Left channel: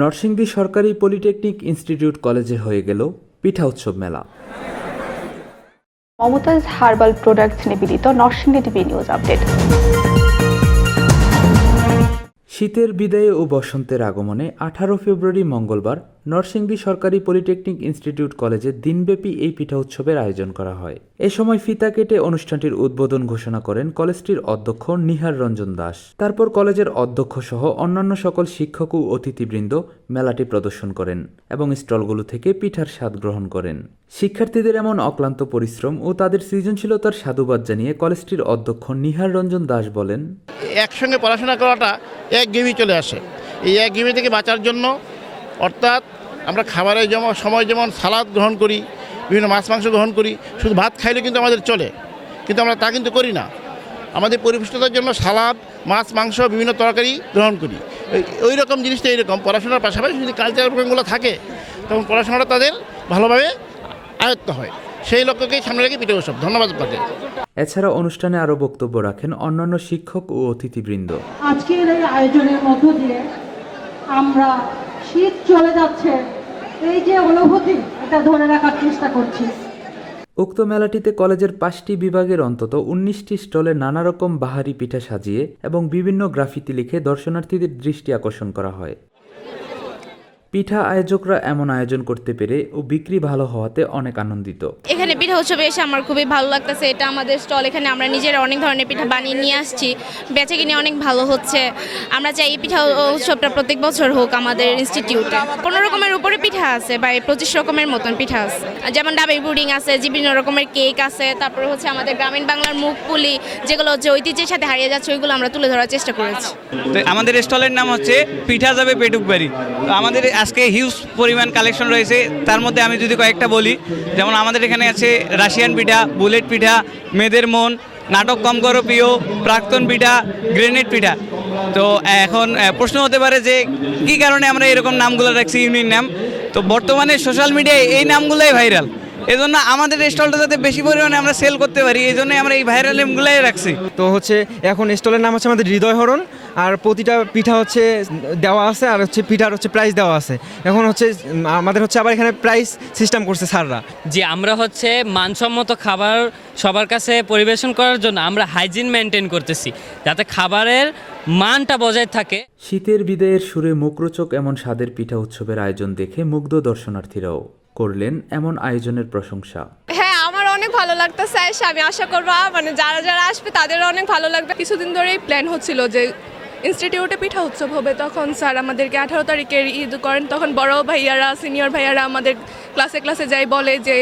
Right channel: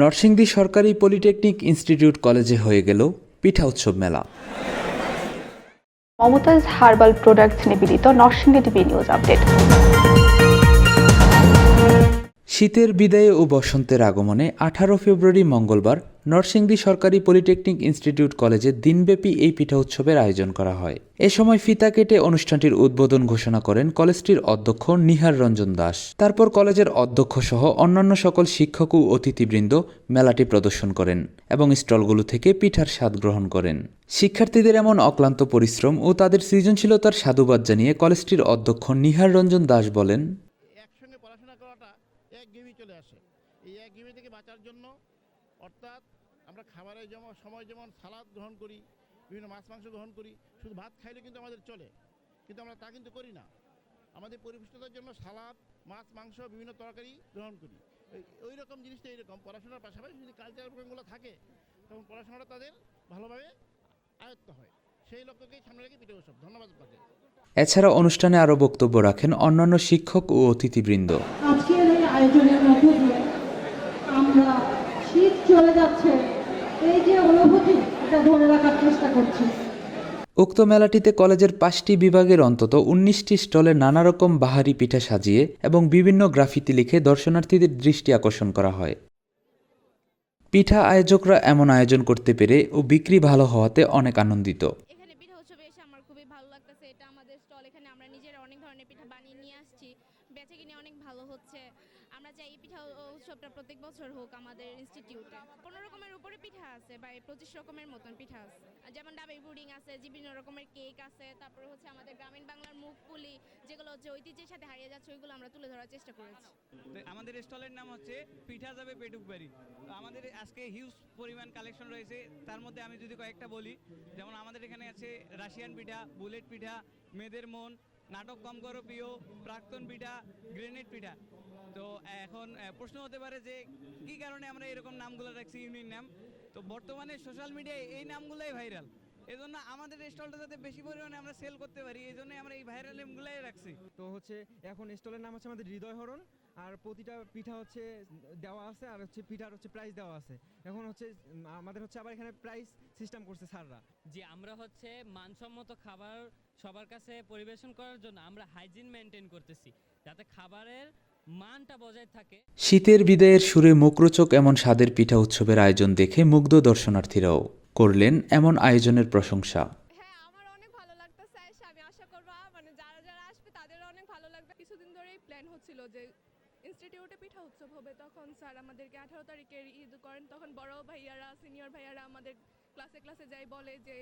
নরসিংদী সরকারি polytechnic institute কলেজে হয়ে গেল পিঠা উৎসব মেলা। মমতাজ হার্বাল প্রোডাক্টস নিবেদিত নরসিংদী টিভি নিউজ আপডেট। শীতের বিদায়ে ও বসন্তের আগমনে আঠারো ফেব্রুয়ারি মঙ্গলবার নরসিংদী সরকারি পলিটেকনিক ইনস্টিটিউট কলেজে দিনব্যাপী এই পিঠা উৎসবের আয়োজন করা হয়। এ সময় ফিতা কেটে অনুষ্ঠানটির উদ্বোধন ঘোষণা করেন কলেজটির অধ্যক্ষ নিহার রঞ্জন দাস। তারপর কলেজের অধ্যক্ষ সহ অন্যান্য সকল শিক্ষক ও অতিথিবৃন্দ মেলাটি প্রদর্শন করেন এবং স্টলগুলো থেকে পিঠার স্বাদ গ্রহণ করেন। শিক্ষার্থীদের এমন অক্লান্ত পরিশ্রম ও তাদের সৃজনশীলতার সাধুবাদ জানিয়ে কলেজটির অধ্যক্ষ নিহার রঞ্জন দাস বলেন, একসঙ্গে পড়াশোনা করাটা এক গেমই চলে আসে। এই এক গেমি থেকে বাঁচার জন্য অর্থাৎ আমরা খাবারের যেমন সময় যেমন সালাদ গ্রহণ করি বিভিন্ন মাছ মাংস গ্রহণ করি শুধু ভাত খাইলে কিন্তু আমাদের চলে। কিন্তু আমরা তা কিন্তু করি না। আমাদের পরিপুষ্টতার জন্য সালাদ মাছ মাংস বিভিন্ন তরকারি গ্রহণ করি। ওই- ওই রকম জিনিসটা এইরকম পড়াশোনার পাশাপাশি যদি কালচারাল প্রোগ্রামগুলো থাকে তখন পড়াশোনাটা তাদের ভালোভাবে আয়ত্ত হয়। সেই লক্ষ্যকেই সামনে রেখে পিঠে উৎসব। ধন্যবাদ আপনাকে। এছাড়া অনুষ্ঠানে আরও বক্তব্য রাখেন অন্যান্য শিক্ষক ও অতিথিবৃন্দ। আজকের এই আয়োজনের মধ্য দিয়ে আমরা শীত চলে যাচ্ছে। এই যে অনুভূতি এটা ধরে রাখার চেষ্টা করছি। উক্ত মেলাটিতে কলেজের পাঁচটি বিভাগের অন্তত উনিশটি স্টলে নানা রকম বাহারি পিঠা সাজিয়ে এবং বিভিন্ন গ্রাফিতি লিখে দর্শনার্থীদের দৃষ্টি আকর্ষণ করা হয়। পিঠা আয়োজকরা এমন আয়োজন করতে পেরে ও বিক্রি ভালো হওয়াতে অনেক আনন্দিত। পিঠা উৎসবে এসে আমার খুবই ভালো লাগতেছে। এটা আমাদের স্টল, এখানে আমরা নিজেরা অনেক ধরনের পিঠা বানিয়ে নিয়ে আসছি। বেচে কিনে অনেক ভালো হচ্ছে। আমরা চাই এই পিঠা উৎসবটা প্রত্যেক বছর হোক আমাদের ইনস্টিটিউটে কোনো রকমের উপরে পিঠা আছে বা পঁচিশ রকমের মতন পিঠা আছে। যেমন ডাবের পুডিং আছে, বিভিন্ন রকমের কেক আছে, তারপরে হচ্ছে আমাদের গ্রামীণ বাংলার মুখ পুলি, যেগুলো হচ্ছে ঐতিহ্যের সাথে হারিয়ে যাচ্ছে, ওইগুলো আমরা তুলে ধরার চেষ্টা করেছি। তো আমাদের স্টলের নাম হচ্ছে পিঠা যাবে পেটুক বাড়ি। তো আমাদের আজকে হিউজ পরিমাণ কালেকশন রয়েছে। তার মধ্যে আমি যদি কয়েকটা বলি, যেমন আমাদের এখানে আছে রাশিয়ান পিঠা, বুলেট পিঠা, মেয়েদের মন, নাটক কম করো প্রিয়, প্রাক্তন পিঠা, গ্রেনেড পিঠা। তো এখন প্রশ্ন হতে পারে যে কি কারণে আমরা এরকম নামগুলো রাখছি ইউনিট নাম? তো বর্তমানে সোশ্যাল মিডিয়ায় এই নামগুলোই ভাইরাল এজন্য আমাদের স্টলটা যাতে বেশি পরিমাণে আমরা সেল করতে পারি এই জন্যই আমরা এই ভাইরাল নামগুলোই রাখছি। তো হচ্ছে এখন স্টলের নাম হচ্ছে আমাদের হৃদয় হরণ আর প্রতিটা পিঠা হচ্ছে দেওয়া আছে আর হচ্ছে পিঠার হচ্ছে প্রাইস দেওয়া আছে। এখন হচ্ছে আমাদের হচ্ছে আবার এখানে প্রাইস সিস্টেম করছে স্যাররা। যে আমরা হচ্ছে মানসম্মত খাবার সবার কাছে পরিবেশন করার জন্য আমরা হাইজিন মেনটেন করতেছি যাতে খাবারের মানটা বজায় থাকে। শীতের বিদায়ের সুরে মুখরোচক এমন স্বাদের পিঠা উৎসবের আয়োজন দেখে মুগ্ধ দর্শনার্থীরাও। করলেন এমন আয়োজনের প্রশংসা। হ্যাঁ আমার অনেক ভালো লাগতেছে এসে আমি আশা করব মানে যারা যারা আসবে তাদেরও অনেক ভালো লাগবে। কিছুদিন ধরেই প্ল্যান হচ্ছিল যে ইনস্টিটিউটে পিঠা উৎসব হবে। তখন স্যার আমাদেরকে আঠারো তারিখের ঈদ করেন। তখন বড় ভাইয়ারা সিনিয়র ভাইয়ারা আমাদের ক্লাসে ক্লাসে যাই বলে যে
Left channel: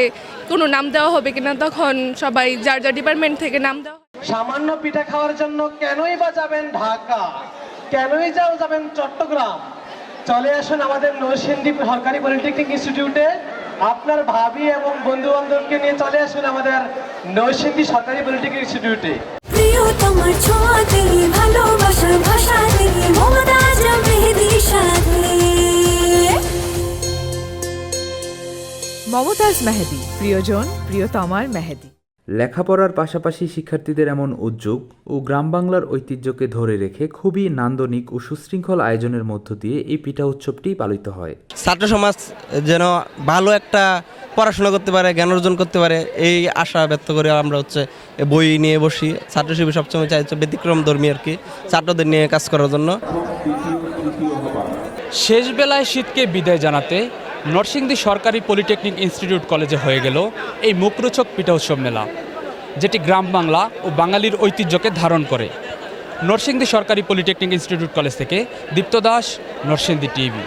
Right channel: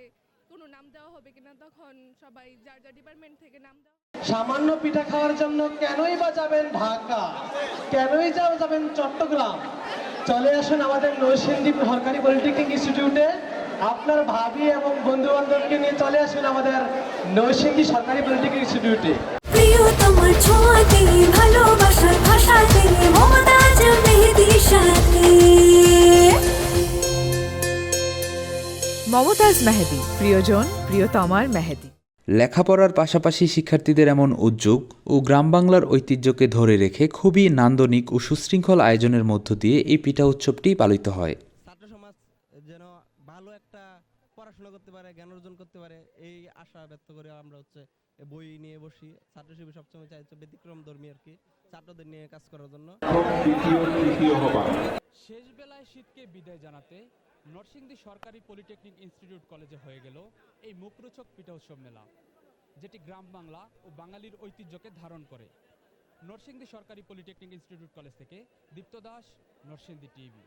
কোনো নাম দেওয়া হবে কিনা তখন সবাই যার যার ডিপার্টমেন্ট থেকে নাম দেওয়া। সামান্য পিঠা খাওয়ার জন্য কেনই বা যাবেন ঢাকা? কেনই যাও যাবেন চট্টগ্রাম? চলে আসুন আমাদের নরসিংদী সরকারি পলিটেকনিক ইনস্টিটিউটে আপনার ভাবি এবং বন্ধু বান্ধবকে নিয়ে চলে আসুন আমাদের নরসিংদী সরকারি পলিটেকনিক ইনস্টিটিউটে। প্রিয় তোমার ছোঁয়াতে ভালোবাসার ভাষাতে মমতাজ মেহেদির সাথে মমতাজ মেহেদি প্রিয়জন প্রিয়তমার মেহেদি। লেখাপড়ার পাশাপাশি শিক্ষার্থীদের এমন উদ্যোগ ও গ্রাম বাংলার ঐতিহ্যকে ধরে রেখে খুবই নান্দনিক ও সুশৃঙ্খল আয়োজনের মধ্য দিয়ে এই পিঠা উৎসবটি পালিত হয়। ছাত্র সমাজ যেন ভালো একটা পড়াশোনা করতে পারে জ্ঞান অর্জন করতে পারে এই আশা ব্যক্ত করে আমরা হচ্ছে বই নিয়ে বসি। ছাত্র শিবির সবসময় চাই হচ্ছে ব্যতিক্রম ধর্মী আর কি ছাত্রদের নিয়ে কাজ করার জন্য। শেষ বেলায় শীতকে বিদায় জানাতে নরসিংদী সরকারি পলিটেকনিক ইনস্টিটিউট কলেজে হয়ে গেল এই মুখরোচক পিঠা উৎসব মেলা, যেটি গ্রাম বাংলা ও বাঙালির ঐতিহ্যকে ধারণ করে। নরসিংদী সরকারি পলিটেকনিক ইনস্টিটিউট কলেজ থেকে দীপ্ত দাস, নরসিংদী টিভি।